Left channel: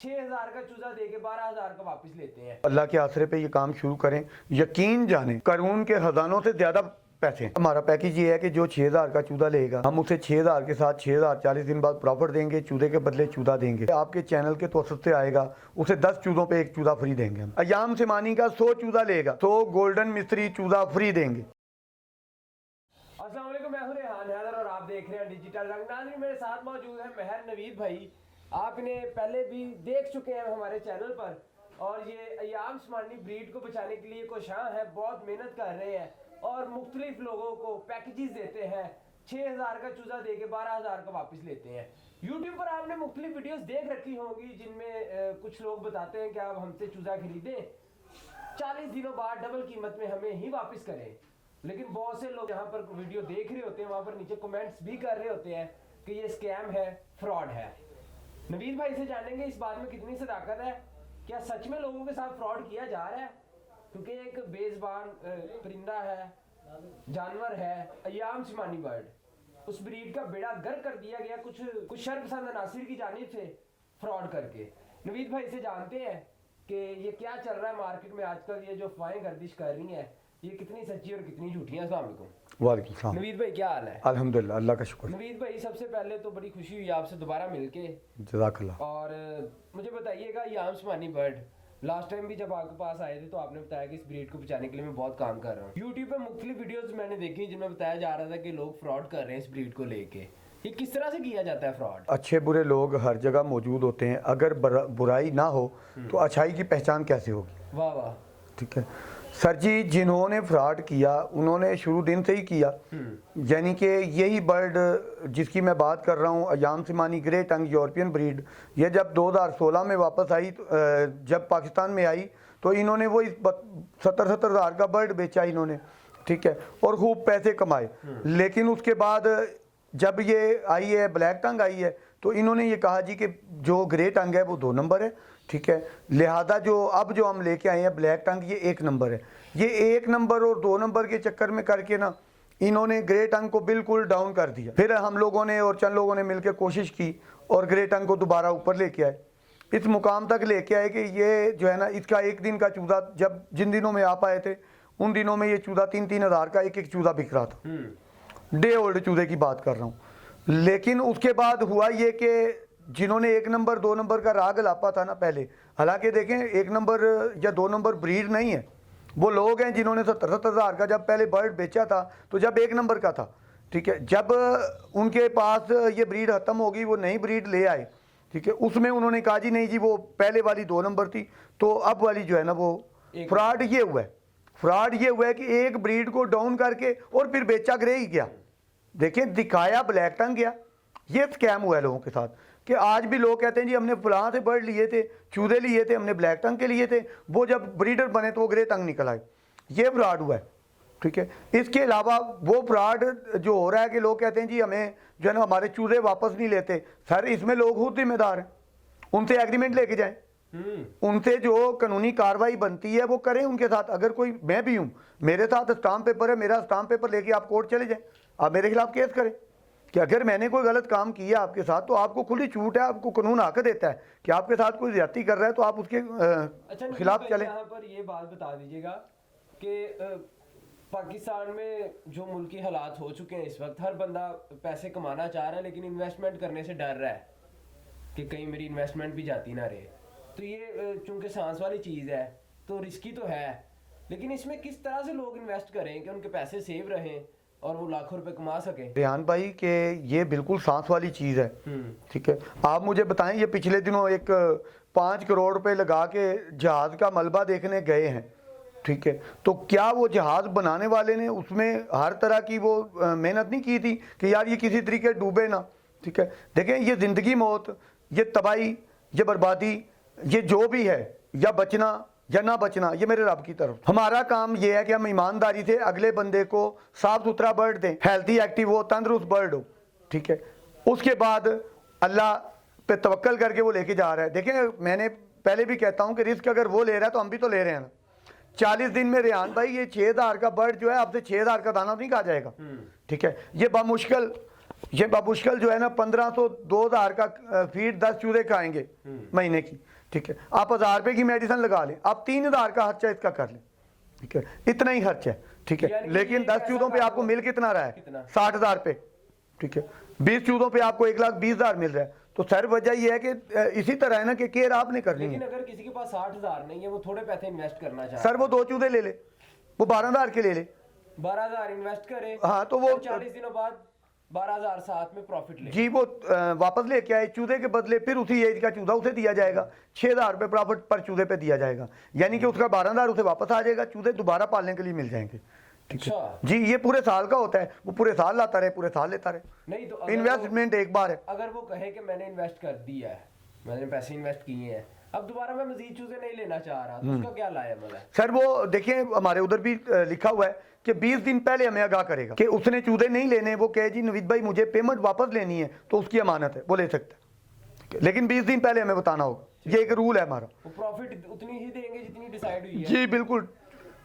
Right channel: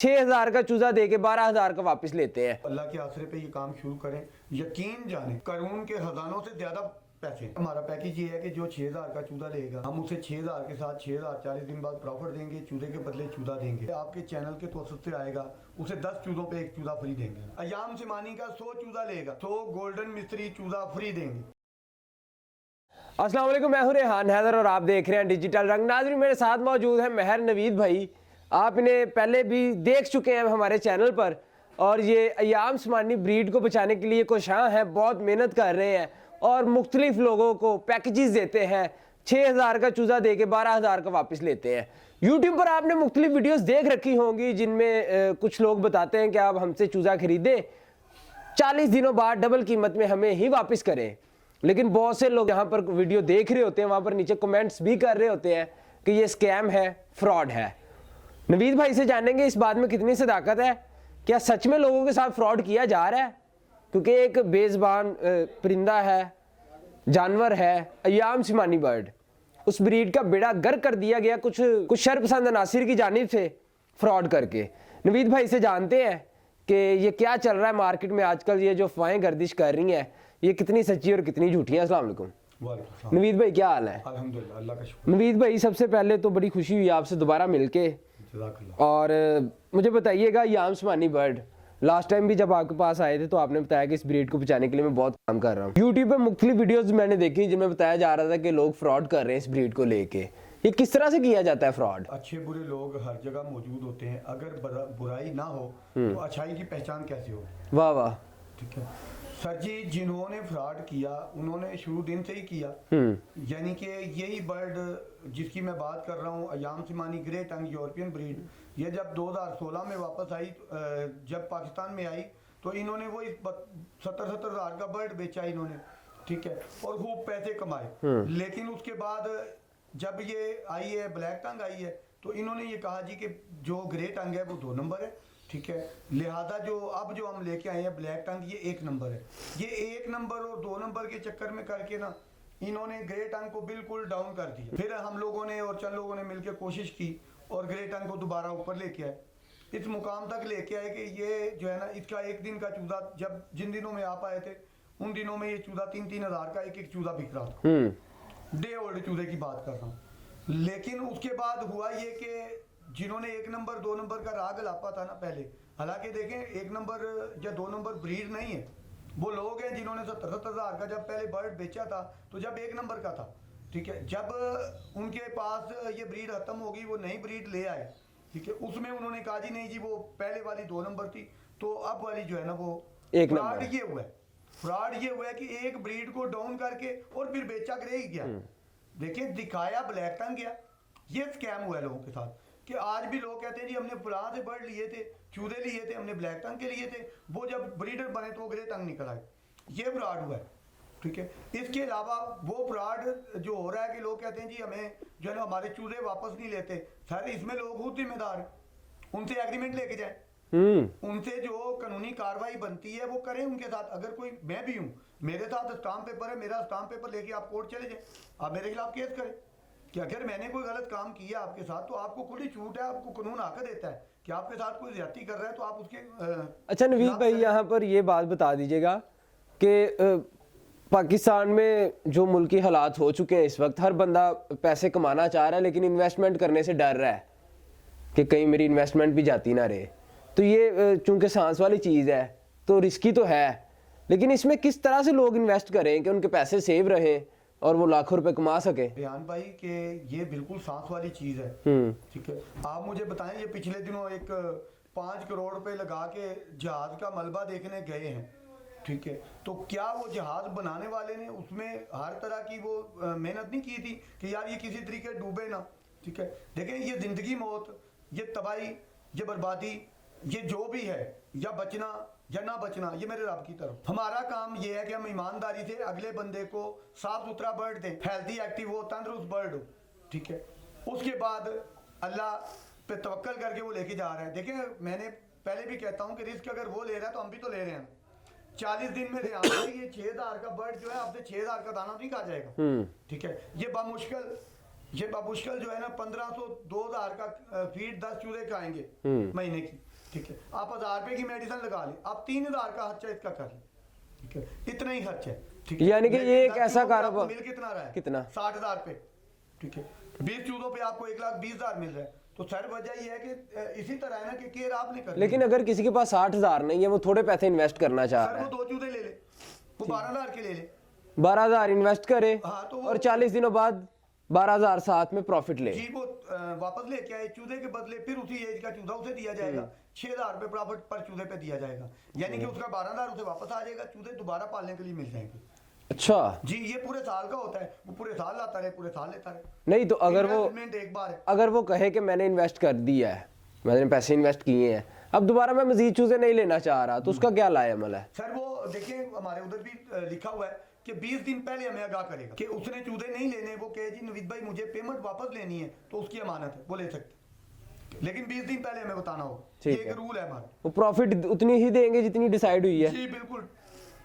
6,000 का चूजा दे के 12,000 का वापस लेते हैं। अल्लाह के आसरे पे ये काम शुरू करें, यकीन जाने कानून के खजानों से ज्यादा पैसे। हमारा पैकेज ये है कि जो 6,000 का चूजा लेगा हम उसे 6,000 के साथ 6,000 40 दिन बाद प्रॉफिट देंगे, चूजे के बदले चूजा देंगे। आपके चैनल के तवसत से आएगा उसे 10 चूजों पे एक चूजा फ्री देंगे। अयाम सिमानी का 100 चूजा लेगा तो गोल्डन मिस्त्री चूजा फ्री देंगे। अस्सलाम वालेकुम, मैं हूं रेहान हैदर और आप देख रहे हैं डिजिटल रंग। नाज़रीन, मेरे साथ मौजूद है महर नवीद भाई। आप इन्हें पहले भी देख चुके हैं हमारे चैनल पर, और ये अयाम सिमानी ब्रीड को बचाने के लिए कोशां हैं, बहुत मेहनत कर रहे हैं और मुख्तलिफ लोगों को पैकेजेस देते हैं। 6,000 का चूजा दे के 12,000 का वापस लेते हैं। यूट्यूब पर आपने मुख्तलिफ वीडियोस देख रखी होंगी जिनमें कुछ लोग बताते हैं कि आप हमसे चूजा खरीदें, 40 दिनों बाद डबल कीमत में हमें ही वापस करें। लेकिन बहुत से लोग यहाँ पर वीडियो देख रहे होते हैं, वहाँ पर नीचे कमेंट्स भी कर रहे होते हैं कि ये स्कैम है, फ्रॉड है। नवीद भाई से जानेंगे इस बात में कितनी सदाकत है, क्या सच में लोगों के साथ फ्रॉड किया जा रहा है? क्योंकि एक बेज़बान परिंदा है, जानवर है, अयाम सिमानी बर्ड, उस ब्रीड का बेड़ा गर्क कर दिया गया कुछ शरपसंद अनासिर की जानिब से फ्रॉड करके। नवीद भाई से जानते हैं कि ये क्या चल रहा है मार्केट में आजकल, ये जो अफवाहें गर्दिश कर रही हैं ये कितनी सच्ची और कितनी झूठी है। अस्सलाम वालेकुम। वालेकुम सलाम। नवीद भाई क्या हाल है? अल्हम्दुलिल्लाह, अल्लाह का शुक्र। नवीद भाई, सबसे पहले तो बड़ी खुशी हुई आपसे दोबारा मिलके, जज़ाकल्लाह। और मुझे बताइएगा अयाम सिमानी बर्ड, लास्ट टाइम भी जब आपके पास आए थे तो आपने बताया कि इस ब्रीड को बचाने के लिए मैं बहुत काम कर रहा हूँ। यूट्यूब पे मुख्तलिफ वीडियोस मैंने देखी जिनमें बताया जा रहा था कि लोग फ्रॉड कर रहे हैं इस ब्रीड को लेके। ये किस तरह से किया जाता है फ्रॉड? अच्छे बुरे लोग हर जगह मौजूद होते हैं, अगर बुराई ना हो तो अच्छाई की पहचान कैसे होगी? वाह वाह। ठीक है सर जी, जिन्होंने फ्रॉड किया उन्होंने शुरू दिन से ही किया। यानी कि यही बर्ड जिसकी मैं बात कर रहा हूँ, अयाम सिमानी ग्रे टंग यूरोपियन ब्रीड, ये जब 2016 में वापस आई, जब पाकिस्तान में आई तो इन्होंने वो 70-70 हज़ार का बर्ड बेचा इन्होंने, ठीक है, और खूब पैसे कमाए। लेकिन उसके बाद जब ये आई है, ब्लैक टंग आई है, तो इन्होंने ये कहा जी कि जो ग्रे टंग है वो 2 नंबर है, ठीक है, लिहाजा जो हम लेके आए हैं ब्लैक टंग ये 1 नंबर है। ये 1 नंबर और 2 नंबर के चक्कर में करके ना इन्होंने ग्रे टंग को बिल्कुल डाउन कर दिया। फिर हम लोगों ने और चंद लोगों ने मिलकर कोशिश की और ग्रे टंग को दोबारा ऊपर लेके आए, इस मुकाम तक लेके आए कि ये जो है ना, इसका एक दिन का चूजा, जब जिन दिनों में आप आए थे उन दिनों में ये चूजा 3-3 हज़ार का एक चूजा बिक रहा था। डे ओल्ड चूजे की बात कर रहा हूँ। लेकिन उसके बाद हुआ ये कि जिन्होंने 1 नंबर 2 नंबर का राग लापा था ना पहले, हालांकि देखें 1 नंबर या 2 नंबर ब्रीड नहीं है, वो लोग हैं जिन्होंने 70-70 हज़ार का जब पहले बर्ड बेचा था तो जब 1 नंबर का था, ठीक है, जब उनके पास ये ब्रीड ख़त्म हो गई, वो नई ब्रीड ले आए, ठीक है, उसमें उन्होंने कहा जी नहीं जी वो पहले वाली 2 नंबर थी, तो अब वाली जो है ना वो फ्रॉड ये हुआ है। फ्रॉड ये हुआ है कि एक ब्रीड को डाउन करके और फिर बेचा ग्रे ही गया। देखिए, दिखाया ब्लैक टंग गया। ये स्कैम हुआ है लोगों के साथ कि आज भी लोग कहते हैं जी हमने फलां से बर्ड लिए थे, चूजे लिए थे, हमने ब्लैक टंग के लिए थे, वो जब ब्रीडर बने तो वो ग्रे टंग निकल आए। ये फ्रॉड हुआ है, ठीक है। इसके अलावा वो फ्रॉड जो हो रहा है कि लोग कहते हैं जी हमें जो है ना हमारे चूजे वापस नहीं लेते। सर, इसमें लोग खुद जिम्मेदार हैं, उनसे एग्रीमेंट लेके जाएं, उनसे जो कानूनी कार्रवाई बनती है वो करें उनके साथ। अगर कोई, मैं भी हूँ, मेरे साथ स्टाम्प पेपर है, मेरा स्टाम्प पेपर लेके आप कोर्ट चले जाएं, आप मेरे खिलाफ केस करें कि अगर मैंने कोई गलत काम किया आपके साथ तो आपको खुली छूट है, आपको कानून हक देता है कि आपके साथ कोई ज्यादती कर रहा है तो आप उसके अच्छा नवीद भाई, यहाँ पर ये बात बता दीजिएगा कि पाकिस्तान में जो मुल्की हालात हो चुके हैं इस वक्त, हर बंदा पैसे कमाना चाह रहा है लेकिन इन्वेस्टमेंट करने से डर रहा है कि कहीं मेरी इन्वेस्टमेंट भी जाती ना रहे। तो ये चूंकि सांस वाली चीज़ है तो रिस्की तो है, लेकिन इसमें किस तरह से लोग इन्वेस्ट करें कि उनके पैसे सेव रहे और वो लाखों रुपए कमा सके? रेहान भाई के ये बिल्कुल सांस वाली चीज़ है, ठीक है। आप मुझे बताएं, ये पिछले दिनों एक 5 करोड़ रुपए लगा के जहाज का मलबा देखने गए हैं, ठीक है, तो क्या वो जहाज बनाने वाले ने उसमें हर तरह की वो मेहनत नहीं की थी कि यार ये किसी तरीके डूबे ना, ठीक है। देखें, ये जिंदगी मौत, ये तबाही, ये बर्बादी, ये जो भी है, या बचना या ना बचना, ये मेरे रब की तरफ। हमारा काम ये है कि हम ईमानदारी से अगले बंदे को साफ सुथरा बर्ड दें, हेल्थी एक्टिव हो, तंदुरुस्त बर्ड हो, ठीक है। उसके बाद अल्लाह पे तवक्कल करके वो लेके जा रहा है। देखें, मैंने पहले भी कहता हूँ कि रिस्क अगर वो ले रहा है तो हम भी तो ले रहे हैं। 40 दिन में रेहान भाई ये 6,000 का बर्ड जो है आपसे 6,000 का दाना नहीं कहा जाएगा, ठीक है। ये बामुश्किल ये बामुश्किल जो है ना 1500 2000 का फीड 10 चूजे खाएंगे महीने की, ठीक है। आप 1000 रुपए की मेडिसिन लगा लें, आप 3000 का खर्चा इसका कर लें, ठीक है, इतना ही खर्चा है, ठीक है। यानी कि लेकिन ये 10 चूजों पे आपको मिल कितना रहा है? कितना? 60,000 रुपए, ठीक है। 20 चूजों पे आपको 1,20,000 मिल रहा है। तो सर वजह ये है कि इसी तरह है ना कि केयर आपने करनी है। लेकिन अगर किसी के पास 60,000 नहीं है, वो थोड़े पैसे इन्वेस्ट करना चाह सर रहा वो 2 चूजे ले ले, वो 12,000 के ले ले, है, 12,000 इन्वेस्ट करे, हाँ, तो वो और 40 दिनों बाद 12,000 साथ में प्रॉफिट ले। जी, वो वापस लेके आए चूजे के बदले, फिर उसी एज का चूजा उसे दिया जाएगा, 6,000 रुपए प्रॉफिट पर चूजे पे दिया जाएगा, यानी कि उसका 12,000 उसे वापस आ जाएगा, चूजे दोबारा पालने के लिए मिल जाएंगे। अच्छा जी, ये पूरे साल का होता है, वो पूरे साल लाता रहे, पूरे साल लेता रहे। नहीं तो इन्वेस्टमेंट एक बार है। अगर वो कहे कि मैंने इन्वेस्ट कर दिया है, मैंने पैसे इन्वेस्ट किए हैं, अब दोबारा मैं मजीद चूजे नहीं लेना चाह रहा, तो उसका क्या लाया अमल है? सर वो देखिए हमारे उधर भी लिखा हुआ है कि 20 दिन पहले हमें आगाह करेगा कि उसने चूजे नहीं लेने, वो कहे जी नवीद भाई मुझे पेमेंट वापस लेनी है, तो उसकी अमानत है, वो ले सकता है, लेकिन 20 दिन पहले हमें बताना होगा, ये एक रूल है हमारा। वो प्रॉफिट उतनी ही देंगे जितनी डिसाइड हुई है? जी बिल्कुल,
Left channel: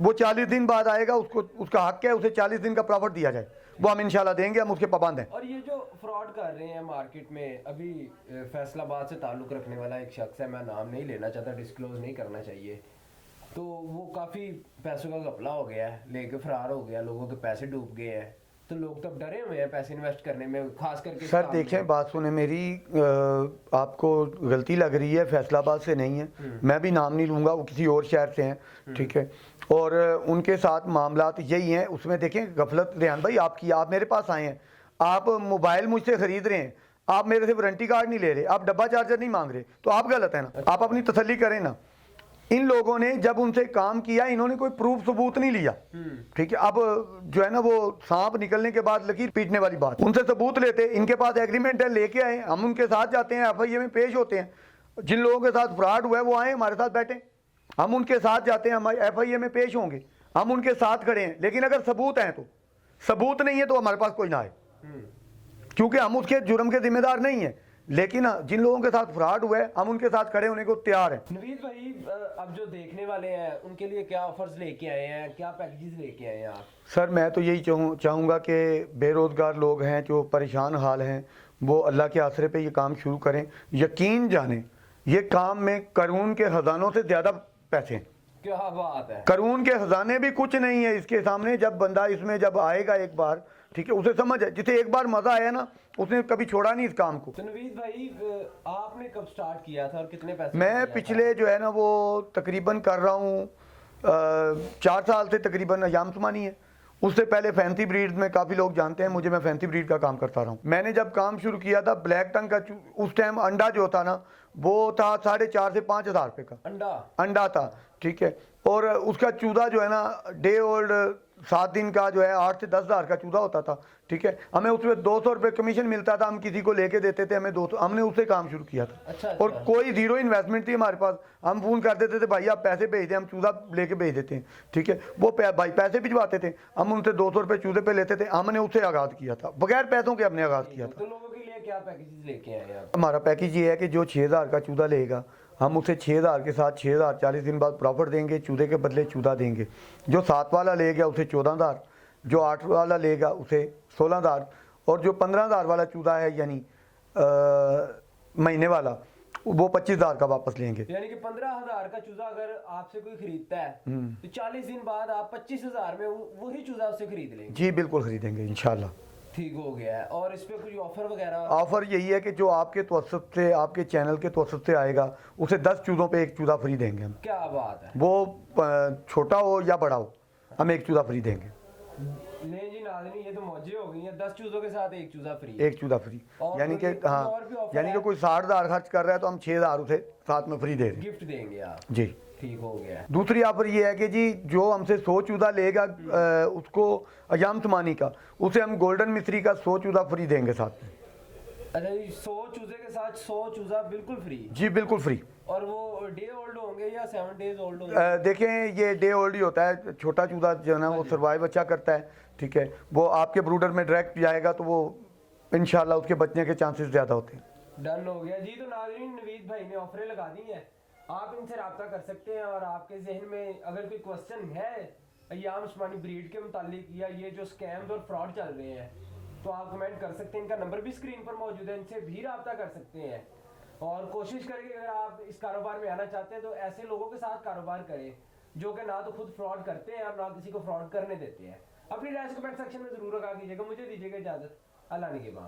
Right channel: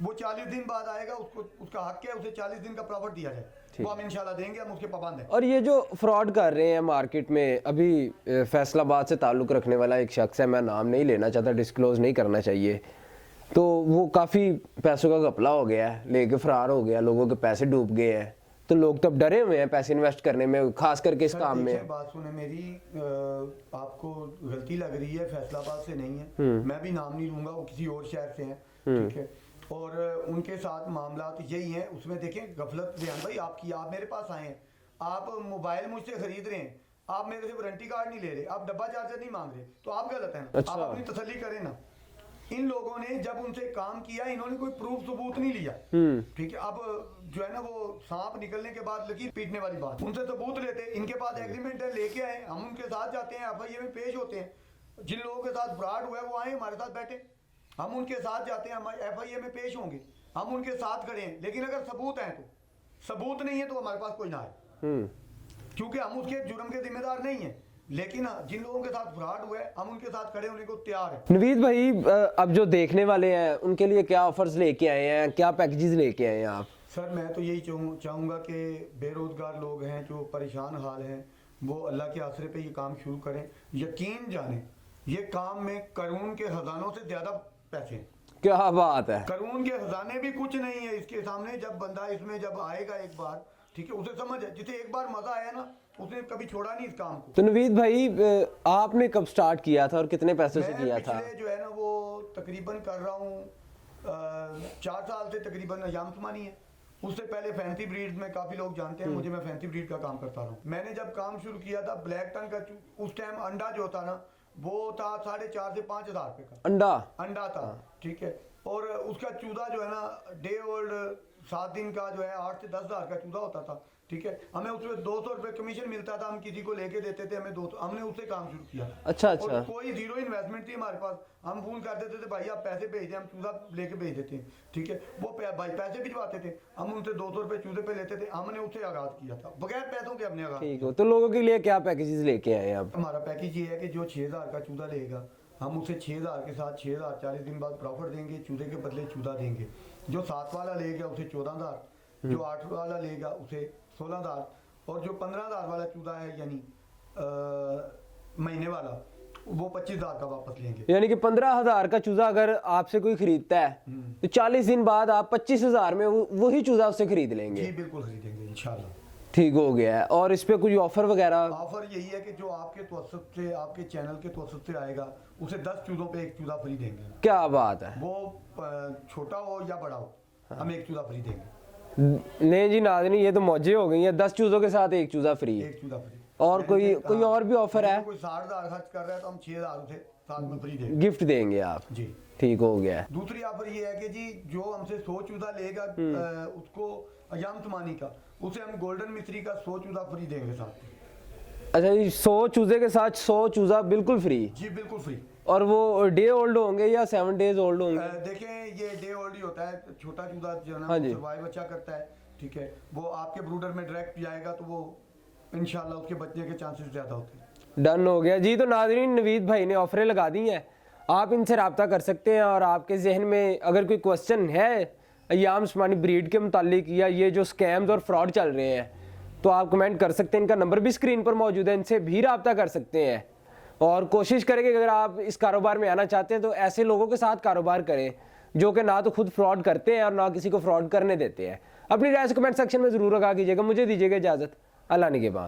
वो 40 दिन बाद आएगा, उसको उसका हक है, उसे 40 दिन का प्रॉफिट दिया जाए, वो हम इंशाल्लाह देंगे, हम उसके पाबंद हैं। और ये जो फ्रॉड कर रहे हैं मार्केट में, अभी फैसलाबाद से ताल्लुक रखने वाला एक शख्स है, मैं नाम नहीं लेना चाहता, डिस्क्लोज नहीं करना चाहिए, तो वो काफ़ी पैसों का घपला हो गया है, लेके फरार हो गया, लोगों के पैसे डूब गए हैं, तो लोग तो अब डरे हुए हैं पैसे इन्वेस्ट करने में, खास करके इस सर काम देखिए में। बात सुने मेरी, आपको गलती लग रही है, फैसलाबाद से नहीं है, मैं भी नाम नहीं लूंगा, वो किसी और शहर से हैं, ठीक है, और उनके साथ मामलात यही हैं। उसमें देखें गफलत रेहान भाई आपकी, आप मेरे पास आए हैं, आप मोबाइल मुझसे खरीद रहे हैं, आप मेरे से वारंटी कार्ड नहीं ले रहे, आप डब्बा चार्जर नहीं मांग रहे, तो आप गलत है ना। अच्छा। आप अपनी तसल्ली करें ना। इन लोगों ने जब उनसे काम किया, इन्होंने कोई प्रूफ सबूत नहीं लिया, ठीक है। अब जो है ना वो सांप निकलने के बाद लकीर पीटने वाली बात, उनसे सबूत लेते, इनके पास एग्रीमेंट है, लेके आए, हम उनके साथ जाते हैं, एफआईए में पेश होते हैं, जिन लोगों के साथ फ्रॉड हुआ है वो आए हमारे साथ बैठे, हम उनके साथ जाते हैं, हमारे एफआईए में पेश होंगे, हम उनके साथ खड़े हैं, लेकिन अगर सबूत हैं तो, सबूत नहीं है तो हमारे पास कोई ना आए, क्योंकि हम उसके जुर्म के जिम्मेदार नहीं है। लेकिन जिन लोगों के साथ फ्रॉड हुआ है हम उनके साथ खड़े होने को तैयार हैं। नवीद भाई, अब जो देखने वाले हैं उनके लिए क्या ऑफर्स लेके आए हैं, क्या पैकेजेस लेके आए हैं आप? सर मैं तो यही चाहूँगा कि बेरोज़गार लोग हैं जो परेशान हाल हैं, वो अल्लाह के आसरे पे ये काम शुरू करें। यकीन जाने ये काम में कानून के खजानों से ज़्यादा पैसे हैं। क्या बात है, कानून के खजाने भी कुछ नहीं है इसके सामने। जब बंदा इसमें जब आएगा एक बार, ठीक है, उसे समझ है, जिसे एक बार मजा आया ना उसने कभी छोड़ा नहीं इस काम को। तो नवीद भाई आपने कब स्टार्ट किया था और कितने पैसे से मैं किया पिछले था? जो है ना वो तकरीबन कर रहा हूँ 4 साल से तकरीबन अयाम समानी है। उससे पहले फैंसी ब्रीड में काफ़ी लोग जानते हैं मुझे, मैं फैंसी ब्रीड का काम करता रहा हूँ। मैंने जब काम शुरू किया था ब्लैक टंग का, उस टाइम अंडा जो था ना वो था 4,500 से 5,000 रुपये का अंडा था, ठीक है। और उसका चूजा जो है ना डे ओल्ड 7 दिन का जो है 8 से 10,000 का चूजा होता था, ठीक है। हमें उसमें 200 रुपये कमीशन मिलता था, हम किसी को लेके देते थे, हमें 200, हमने उससे काम शुरू किया था। अच्छा। और कोई जीरो इन्वेस्टमेंट थी हमारे पास, हम फोन कर देते थे भाई आप पैसे भेज दें, हम चूजा लेके भेज देते हैं, ठीक है। वो भाई पैसे भिजवाते थे, हम उनसे 200 रुपये चूजे पे लेते थे, हमने उससे आगाज किया था, बगैर पैसों के हमने आगाज किया। तो लोगों के लिए क्या पैकेजेस लेके आए आप? हमारा पैकेज ये है कि जो 6,000 का चूजा लेगा हम उसे 6,000 के साथ 6,000 40 दिन बाद प्रॉफिट देंगे, चूजे के बदले चूजा देंगे। जो 7 वाला लेगा उसे 14,000, जो 8 वाला लेगा उसे 16,000, और जो 15,000 वाला चूजा है यानी महीने वाला वो 25,000 का वापस लेंगे। यानी कि 15,000 का चूजा अगर आपसे कोई खरीदता है तो 40 दिन बाद आप 25,000 में वही चूजा उससे खरीद लेंगे? जी बिल्कुल खरीदेंगे इंशाल्लाह। ठीक हो गया है। और इस पे कोई ऑफर वगैरह? ऑफर यही है कि जो आपके तवस्सुत से, आपके चैनल के तवस्सुत से आएगा उसे 10 चूजों पे 1 चूजा फ्री देंगे हम। क्या बात है। वो छोटा हो या बड़ा हो हम 1 चूजा फ्री देंगे। नहीं जी नाज़रीन, ये तो मौजे हो गई है, 10 चूजों के साथ 1 चूजा फ्री। 1 चूजा फ्री। और कोई और भी ऑफर है? कोई 60,000 खर्च कर रहा है तो हम 6,000 उसे साथ में फ्री देंगे, गिफ्ट देंगे आप? जी ठीक हो गया है। दूसरी ऑफर ये है कि जी जो हमसे 100 चूजा लेगा उसको अयाम समानी का, उसे हम गोल्डन मिस्री का 100 चूजा फ्री देंगे साथ में। अच्छा जी, 100 चूजे के साथ 100 चूजा बिल्कुल फ्री? जी बिल्कुल फ्री। और वो डे ओल्ड होंगे या 7 डेज ओल्ड होंगे? देखें ये डे ओल्ड ही होता है, छोटा चूजा जो है ना वो सर्वाइव अच्छा करता है, ठीक है। वो आपके ब्रूडर में डायरेक्ट जाएगा तो वो इंशाल्लाह उसके बचने के चांसेस ज़्यादा होते हैं। डन हो गया जी। तो नाज़रीन नवीद भाई ने ऑफरें लगा दी हैं, आप इनसे रब्ता कर सकते हैं। और आपके जहन में अगर कोई क्वेश्चन है अयाम उस्मानी ब्रीड के मुतालिक या ये जो स्कैम्स और फ्रॉड चल रहे हैं तो आप कमेंट कर सकते हैं। इनका नंबर भी स्क्रीन पर मौजूद है, इनसे भी रब्ता कर सकते हैं। और कोशिश करें कि अगर आप इस कारोबार में आना चाहते हैं तो ऐसे लोगों के साथ कारोबार करें जो कि ना तो खुद फ्रॉड करते हैं और ना किसी को फ्रॉड करने देते हैं। अपनी राय से कमेंट सेक्शन में ज़रूर लगा कीजिएगा। मुझे दीजिएगा इजाज़त। अल्लाह निगहबान।